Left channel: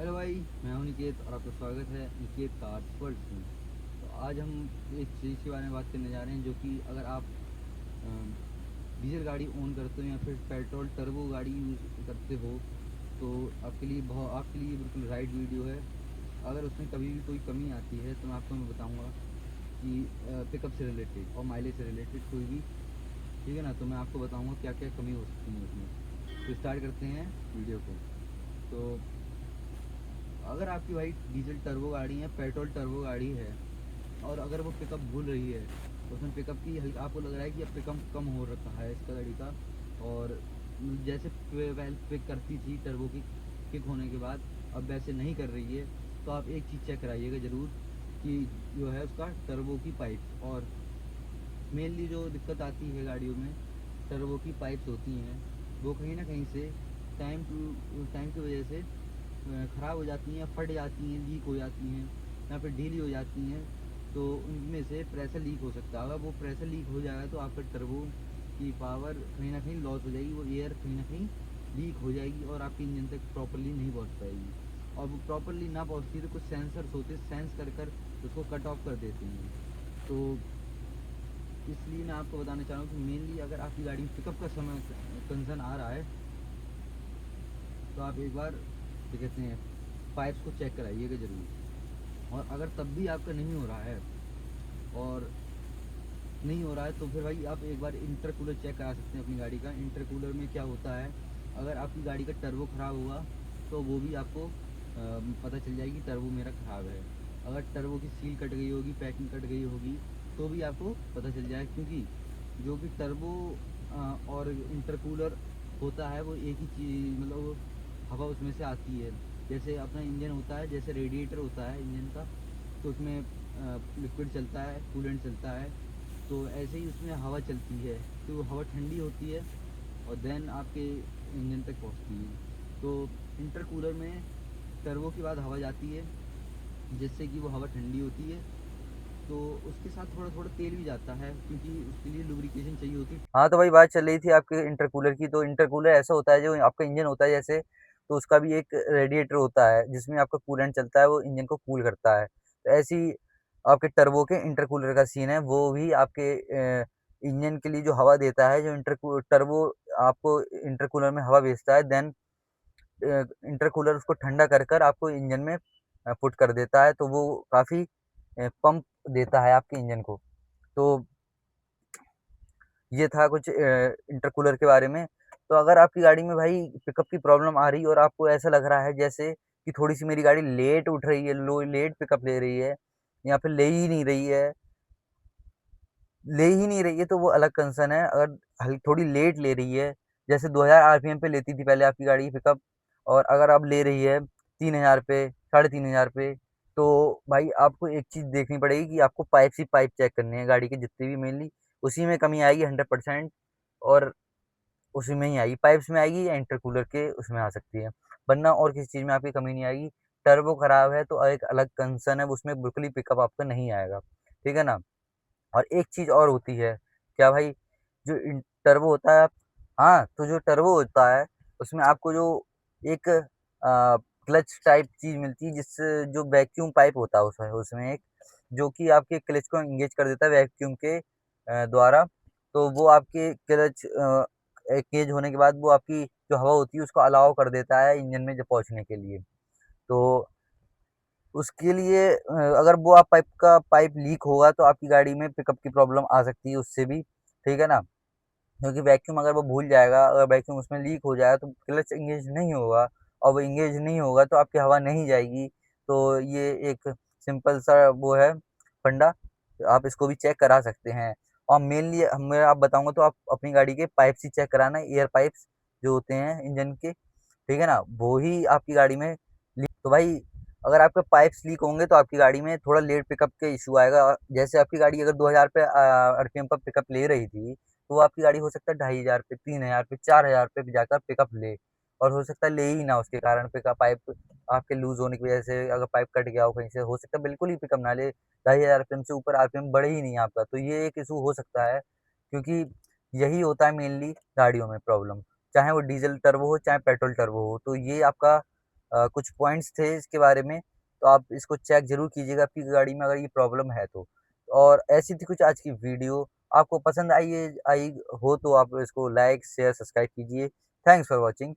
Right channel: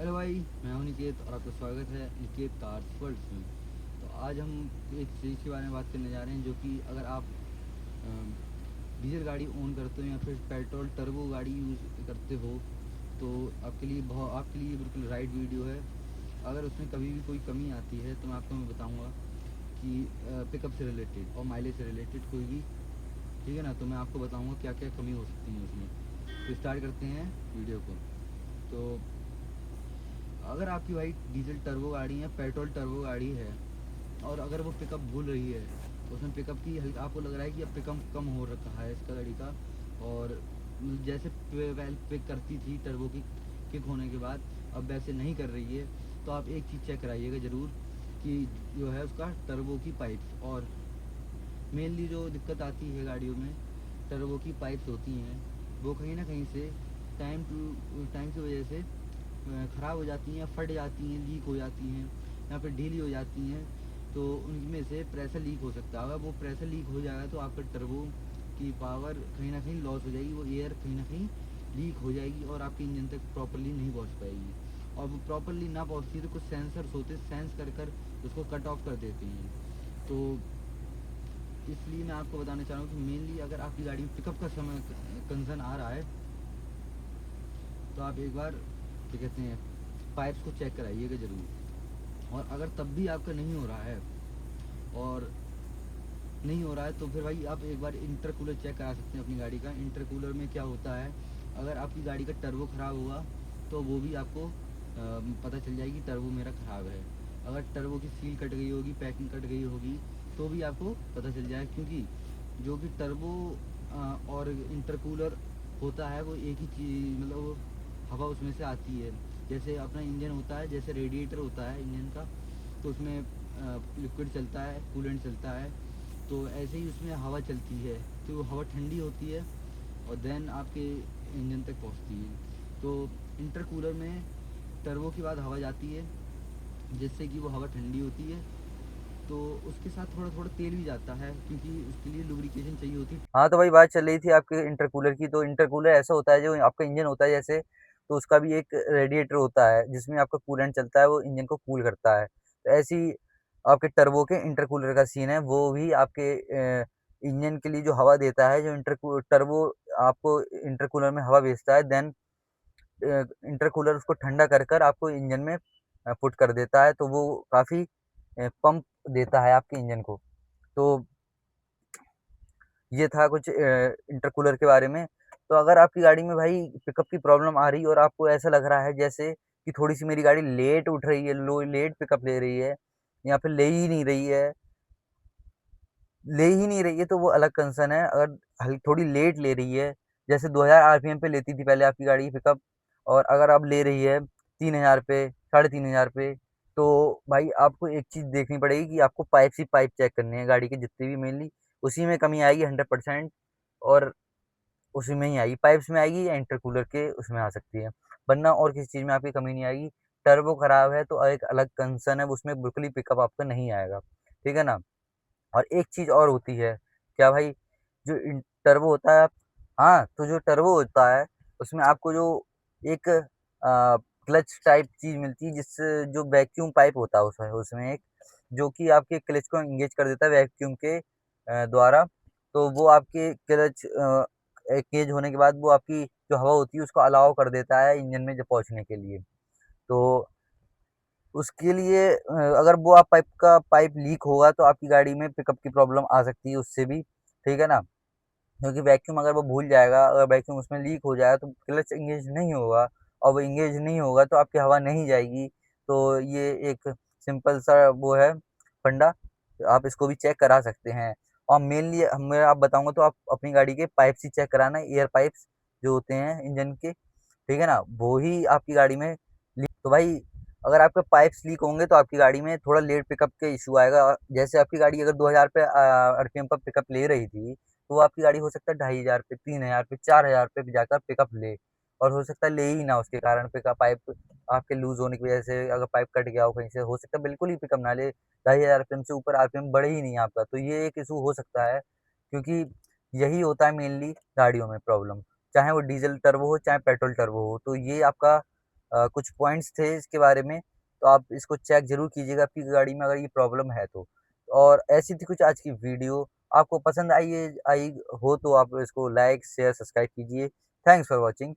Hello भाई, मैं हूं निकेत और आपका स्वागत है निकेत कार्स वर्ल्ड में। तो आज हम एक चीज़ के बारे में बात करने जा रहे हैं जो कि अगर आप डीजल गाड़ी ओन करते हो या फिर पेट्रोल टर्बो गाड़ी यूज़ करते हो तो आपके लिए बिल्कुल राइट वीडियो है। अगर उसमें कभी भी कोई कमी आती है तो मैं आपको बताऊंगा कि पिकअप से रिलेटेड और माइलेज से रिलेटेड कोई भी, ठीक है ना। तो मैं आपको बताऊंगा क्या क्या कमी हो सकती है उसमें। तो स्टार्ट करते हैं वीडियो को। तो अगर आपकी भाई डीजल टर्बो गाड़ी है, पेट्रोल टर्बो गाड़ी है, और अगर वो पिकअप भूल रही है, उसमें पिकअप की आपको लग रहा है कि अब पिकअप कम हो रखा है इसका गाड़ी का, और जैसे वेल पिक करती थी टर्बो की किक होने के बाद अब वैसे नहीं कर रही है, तो आप एक चीज़ चेक कराइएगा ज़रूर कि जो है उसका टर्बो की पाइप्स। और मेनली जो दिक्कत आती है गाड़ियों में, टर्बो की पाइप्स होती हैं, वो कहीं ना कहीं से टाइम की वजह से ख़राब हो जाती हैं, फट जाती हैं, लीक हो जाती हैं या फिर ढीली हो जाती हैं। तो उनमें से प्रेशर लीक हो सकता है। अगर वो प्रेशर लीक हो जाएगा तो आपका टर्बो की पावर कहीं ना कहीं लॉस हो जाएगी, वो एयर कहीं ना कहीं लीक हो जाएगी और आपके इंजन तक प्रॉपरली नहीं पहुंच पाएगी। और वो प्रॉपरली ना पहुंचती है तो कुछ सेंसर्स होते हैं, सेंस कर उसको कट ऑफ कर देते हैं। तो इसलिए मैं आपको बताना चाह रहा हूँ कि मेनली अगर आपकी गाड़ी में पिकअप का समय कंसर्न आ रहा है तो आप एक बार क्या कहते हैं पाइप्स को चेक कराइएगा ज़रूर। और अगर तब भी आपका नहीं हो रहा है और नहीं हो रहा है तो फिर भाई आप एक बार इंटरकूलर चेक करा सकते हैं अपनी गाड़ी का। इंटरकूलर में क्या होता है, अगर आपकी गाड़ी का टर्बो ख़राब हुआ तो वो भी आपको पता चल जाएगी टर्बो मेरा ख़राब है। अगर टर्बो की सील कट गई होगी, पैकिंग कट गई होगी, तो भी आपको पता चल जाएगा, क्योंकि जो कि टर्बो और इंटरकूलर होता है वो एक ही चीज़, मतलब हवा उसमें से आती है। जैसे अपना इंजन होता है, जैसे रेडिएटर होता है इंजन का, तो उसमें लिक्विड चलता है, कूलेंट चलता है, तो ऐसे ही उसमें हवा चलती है। तो वो हवा ठंडी होती है और देन आपके इंजन तक पहुंचती है। तो इंटरकूलर में टर्बो के बाद हवा जाती है जिससे कि वो हवा ठंडी होती है। तो उसके साथ थोड़ा थोड़ा तेल भी जाता है क्योंकि उसके लिए लुब्रिकेशन चाहिए होती है। हाँ, तो भाई बात चल रही थी आपके इंटरकूलर की। तो इंटरकूलर ऐसा होता है जो आपका इंजन होता है जैसे, तो उसका भी एक रेडिएटर होता है जिसमें आपका कूलेंट चलता है, वो इंजन को कूल करता है। तो ऐसे ही आपके टर्बो के इंटरकूलर का सीन है, वो भी आपके इंजन के लिए जो हवा देता है, जो टर्बो आपको इंटरकूलर में हवा भेजता है, देन इंटरकूलर उसको ठंडा कर कर आपको इंजन में पुट कर देता है, तो वो काफ़ी पंप देता है आपके इंजन को। तो ये था कुछ इंटरकूलर के बारे में। तो अगर आपकी गाड़ी में भाई पिकअप की प्रॉब्लम आ रही है और आपको ऐसा लग रहा है जैसे कि थोड़ी-सी मेरी गाड़ी लेट उठ रही है, लो लेट पिकअप ले रही है या फिर ले ही नहीं रही है, तो वो अलग कंसर्न है। अगर थोड़ी लेट ले रही है, जैसे 2000 आरपीएम पे लेती थी पहले आपकी गाड़ी पिकअप, और अगर अब ले रही है 3000 पे, 3500 पे, तो भाई आपको एक चीज़ देखनी पड़ेगी कि आपको पाइप चेक करनी है गाड़ी के जितने भी, मेनली उसी में कमी आएगी 100%। और उसी में ही आएगी, पाइप्स में आएगी या इंटरकूलर के उसमें आ सकती है, वरना और किसी चीज़ में आपकी कमी नहीं आएगी। टर्बो खराब है तो एक अलग कंसर्न है, उसमें बिल्कुल ही पिकअप आपका नहीं आएगा, ठीक है ना? और एक चीज़ और होती है, क्या भाई, जो टर्बो होता है, हाँ, तो जो टर्बो होता है उसमें आपको जो एक क्लच टाइप चीज़ मिलती है, जिससे जो वैक्यूम पाइप होता है उसमें उसमें एक, जो कि आपके क्लच को एंगेज कर देता है वैक्यूम के द्वारा। तो वो आपके क्लच एंगेज होने के बाद वो आपकी जो हवा होती है उसको अलाउ कर देता है इंजन में जब पहुँचने के लिए। तो उसके लिए अगर वो आप पाइप लीक होगा तो आपकी गाड़ी में पिकअप की प्रॉब्लम आ सकती है उससे भी, ठीक है ना? क्योंकि वैक्यूम अगर वो भूल जाएगा, अगर वैक्यूम उसमें लीक हो जाएगा तो क्लच एंगेज नहीं होगा, और वो एंगेज नहीं होगा तो आपकी हवा नहीं जाएगी। तो ये एक सिंपल सा वो है फंडा, आप इसको भी चेक करा सकते हैं। और मेनली मैं आप बताऊँगा तो आप अपनी गाड़ी के पाइप्स ही चेक कराना, एयर पाइप्स जो होते हैं इंजन के, ठीक है ना? वो ही आपकी गाड़ी में तो भाई अगर आपके पाइप्स लीक होंगे तो आपकी गाड़ी में थोड़ा लेट पिकअप के इशू आएगा। जैसे आपकी गाड़ी अगर 2000 पे आरपीएम पर पिकअप ले रही थी, तो वो आपकी गाड़ी हो सकता है 2500 पे, 3000 पे, 4000 पे जाकर पिकअप ले, और हो सकता है ले ही ना, उसके कारण पिकअप पाइप आपके लूज होने की वजह से, अगर पाइप कट गया हो कहीं से, हो सकता है बिल्कुल ही पिकअप ना ले, 2500 आरपीएम से ऊपर आरपीएम बढ़े ही नहीं आपका। तो ये एक इशू हो सकता है, क्योंकि यही होता है मेनली गाड़ियों में प्रॉब्लम, चाहे वो डीजल टर्बो हो चाहे पेट्रोल टर्बो हो। तो ये आपका कुछ पॉइंट्स थे इसके बारे में, तो आप इसको चेक ज़रूर कीजिएगा आपकी गाड़ी में अगर ये प्रॉब्लम है तो। और ऐसी थी कुछ आज की वीडियो, आपको पसंद आई हो तो आप इसको लाइक, शेयर, सब्सक्राइब कीजिए। Thanks for watching.